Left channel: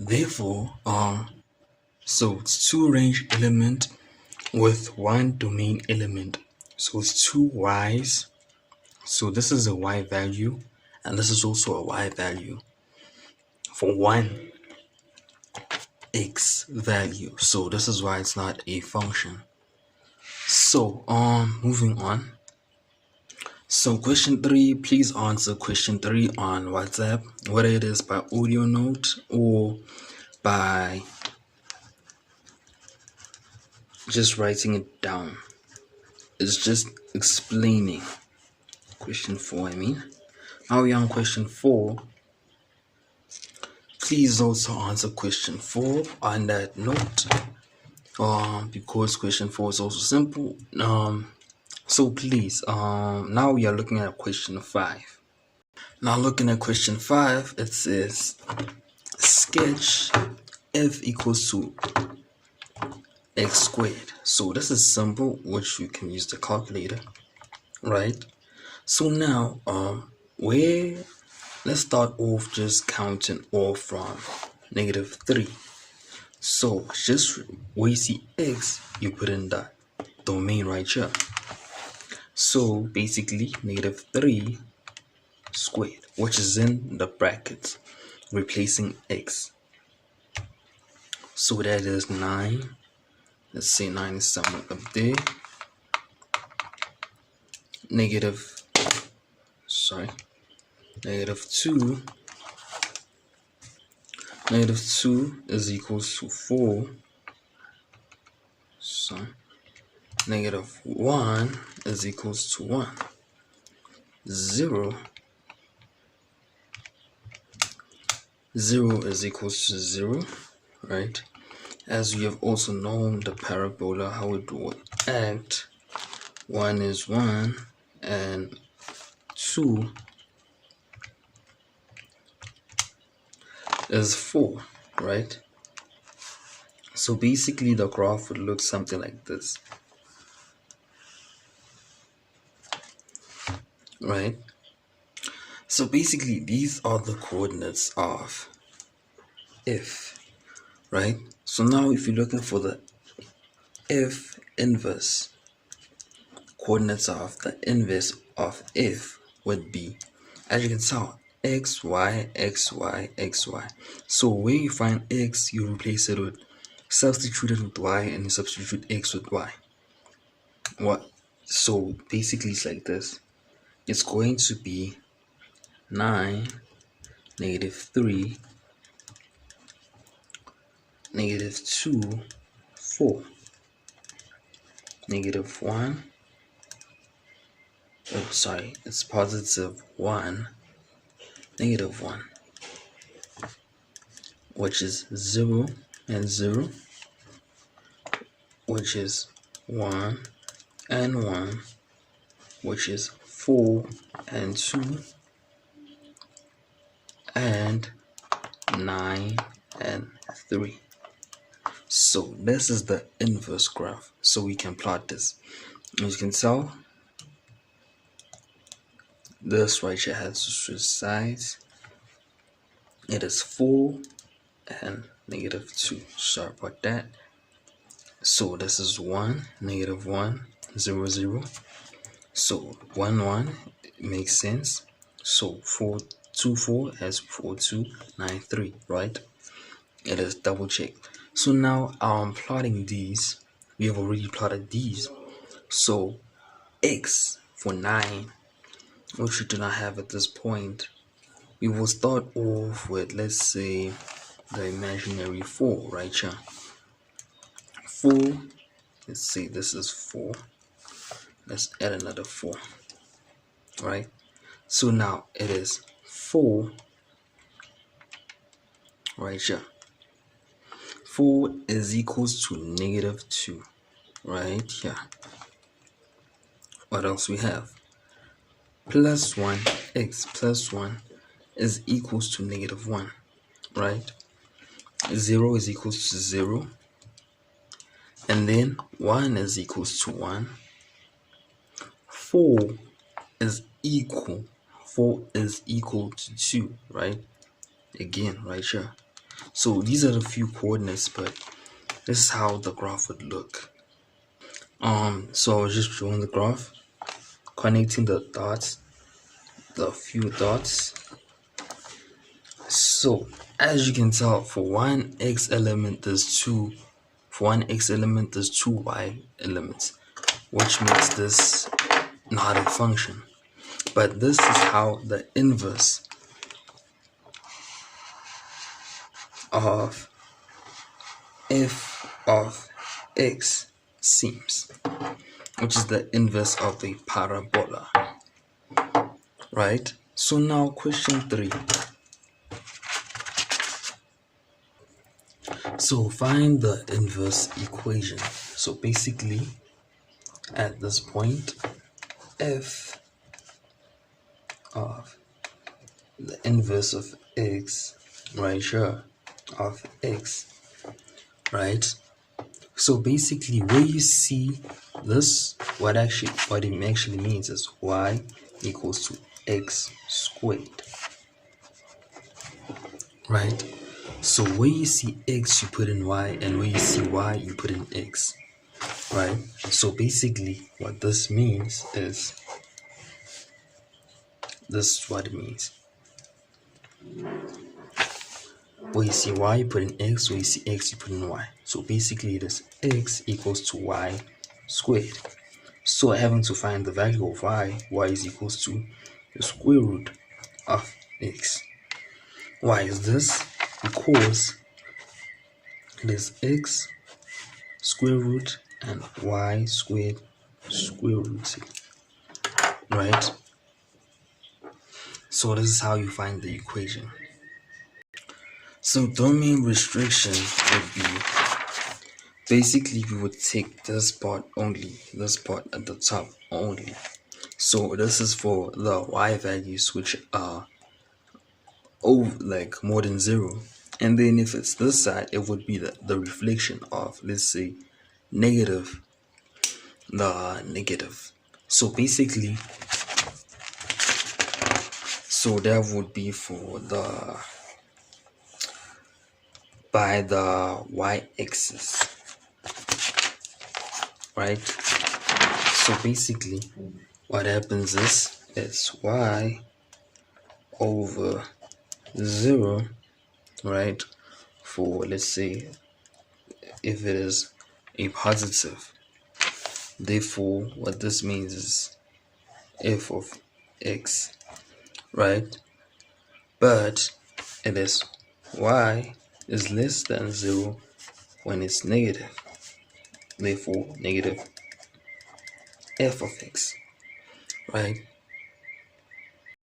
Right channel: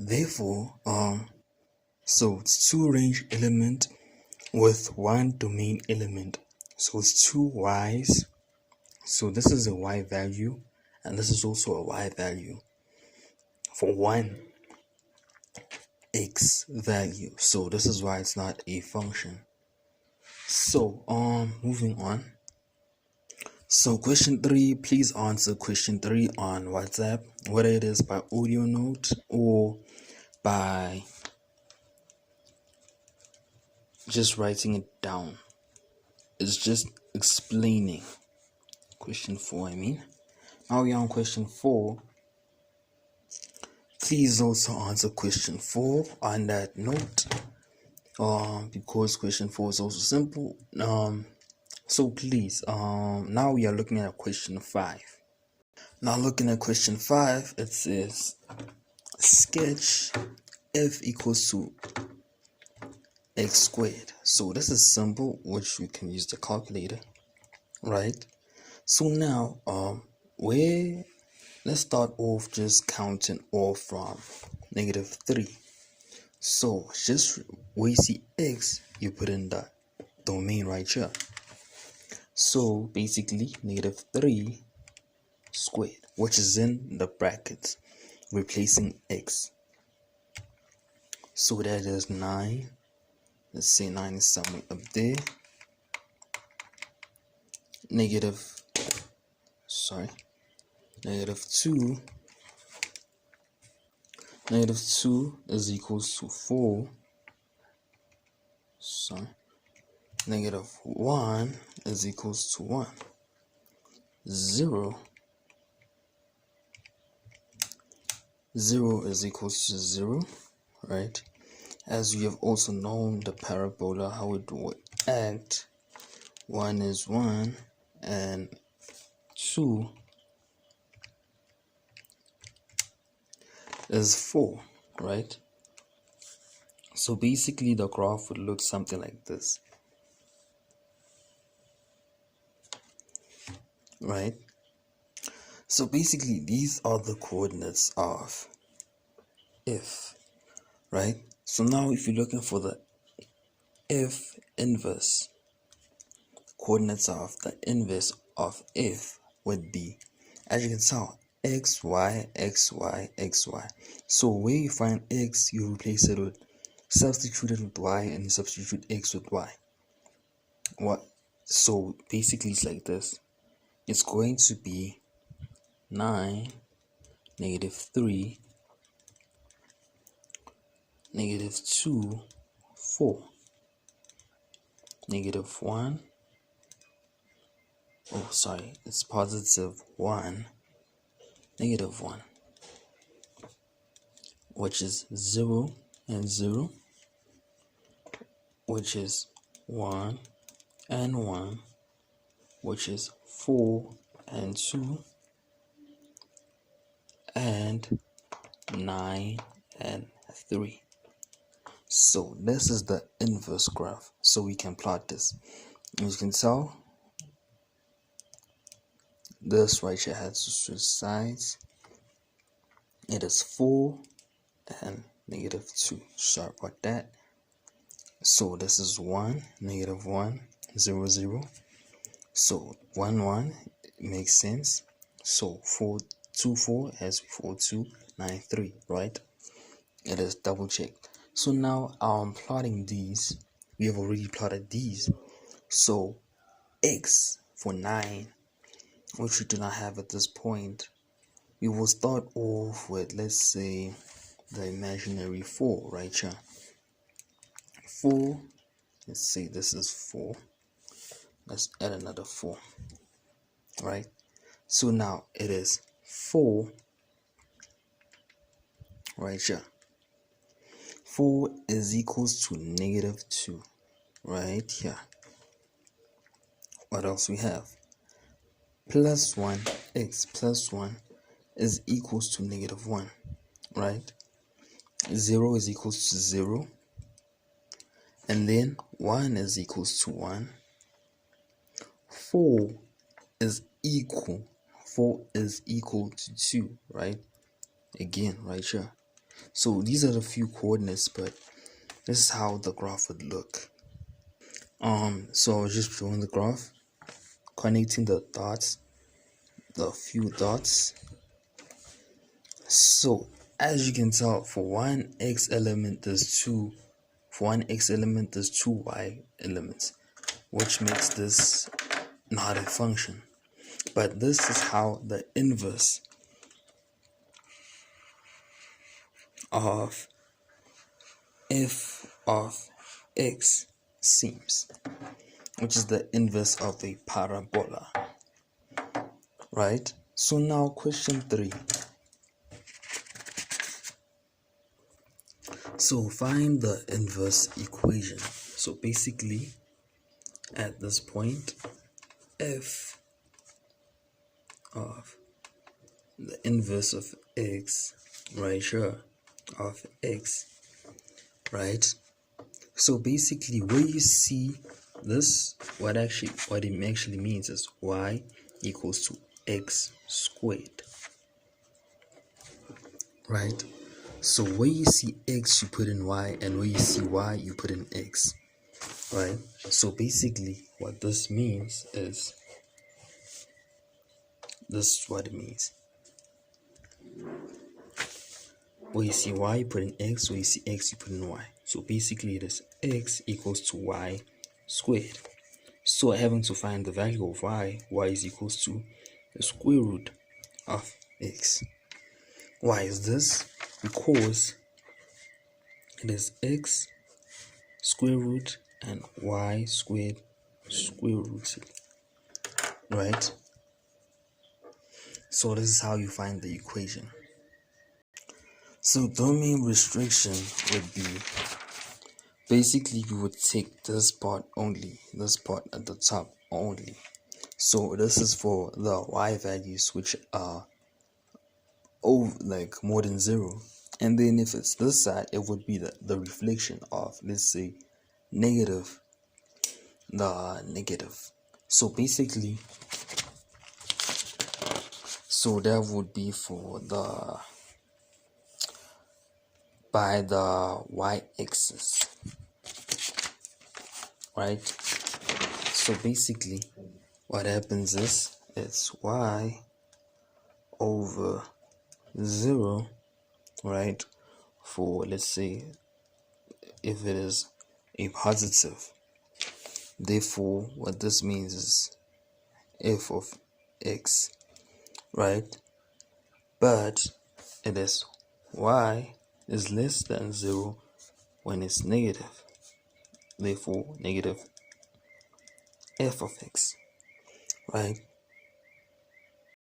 Therefore, so it's two range element with one domain element. So it's two y's. So this is a y value, and this is also a y value for one x value. So this is why it's not a function. So moving on. So question 3, please answer question 3 on WhatsApp, whether it is by audio note or by just writing it down. It's just explaining. Question 4, I mean. Now we're on question 4. Please also answer question 4 on that note. Because question 4 is also simple. So please, now we are looking at question 5. Now looking at question 5, it says sketch f equals to x squared. So this is simple, which you can use the calculator, right? So now let's start off just counting off from -3. So just where you see x, you put in the domain right here. So basically -3 squared, which is in the brackets, replacing x. So that is 9. Let's say 9 is somewhere up there. -2 -2 is equals to 4. So -1 is equals to 1. 0 is equals to 0, right? As we have also known the parabola, how it would act. 1 is 1 and 2 is 4, right? So basically the graph would look something like this, right? So basically these are the coordinates of f, right? So now if you're looking for the f inverse, coordinates of the inverse of f would be, as you can tell, x, y, x, y, x, y. So where you find x, you replace it with, substitute it with y, and you substitute x with y. What? So basically it's like this. It's going to be 9, -3, -2, 4, -1. Oh, sorry, it's +1, -1, which is 0 and 0, which is 1 and 1, which is 4 and 2, and 9 and 3. So this is the inverse graph. So we can plot this. As you can tell, this right here has to switch sides. It is 4 and -2. Sorry about that. So this is 1, -1, 0, 0. So 1, 1 makes sense. So 4, 2, 4 has 4, 2, 9, 3, right? It is double check. So now I'm plotting these. We have already plotted these. So x for 9, which we do not have at this point, we will start off with, let's say, the imaginary 4 right here. 4, let's say this is 4. Let's add another 4, right? So now it is 4 right here. 4 is equals to -2 right here. What else we have? +1, x plus 1 is equals to -1, right? 0 is equals to 0, and then 1 is equals to 1. 4 is equal to 2, right? Again, right here. So these are the few coordinates, but this is how the graph would look. So I was just drawing the graph, connecting the dots, the few dots. So as you can tell, for one x element there's two y elements, which makes this not a function. But this is how the inverse of f of x seems, which is the inverse of a parabola, right? So now question 3. So find the inverse equation. So basically at this point, f of the inverse of x, right here, of x, right? So basically where you see this, what it actually means is y equals to x squared, right? So where you see x, you put in y, and where you see y, you put in x, right? So basically what this means is, this is what it means. Where you see y, you put in x, where you see x, you put in y. So basically it is x equals to y squared. So having to find the value of y is equals to the square root of x. Why is this? Because it is x square root and y squared square rooted, right? So this is how you find the equation. So domain restriction would be, basically we would take this part only, this part at the top only. So this is for the y values which are like more than 0. And then if it's this side, it would be the reflection of, let's say, negative. So basically, so that would be for by the y-axis, right? So basically what happens is it's y over 0, right? For, let's say, if it is a positive. Therefore what this means is f of x, right? But it is y is less than 0 when it's negative. Therefore negative f of x, right?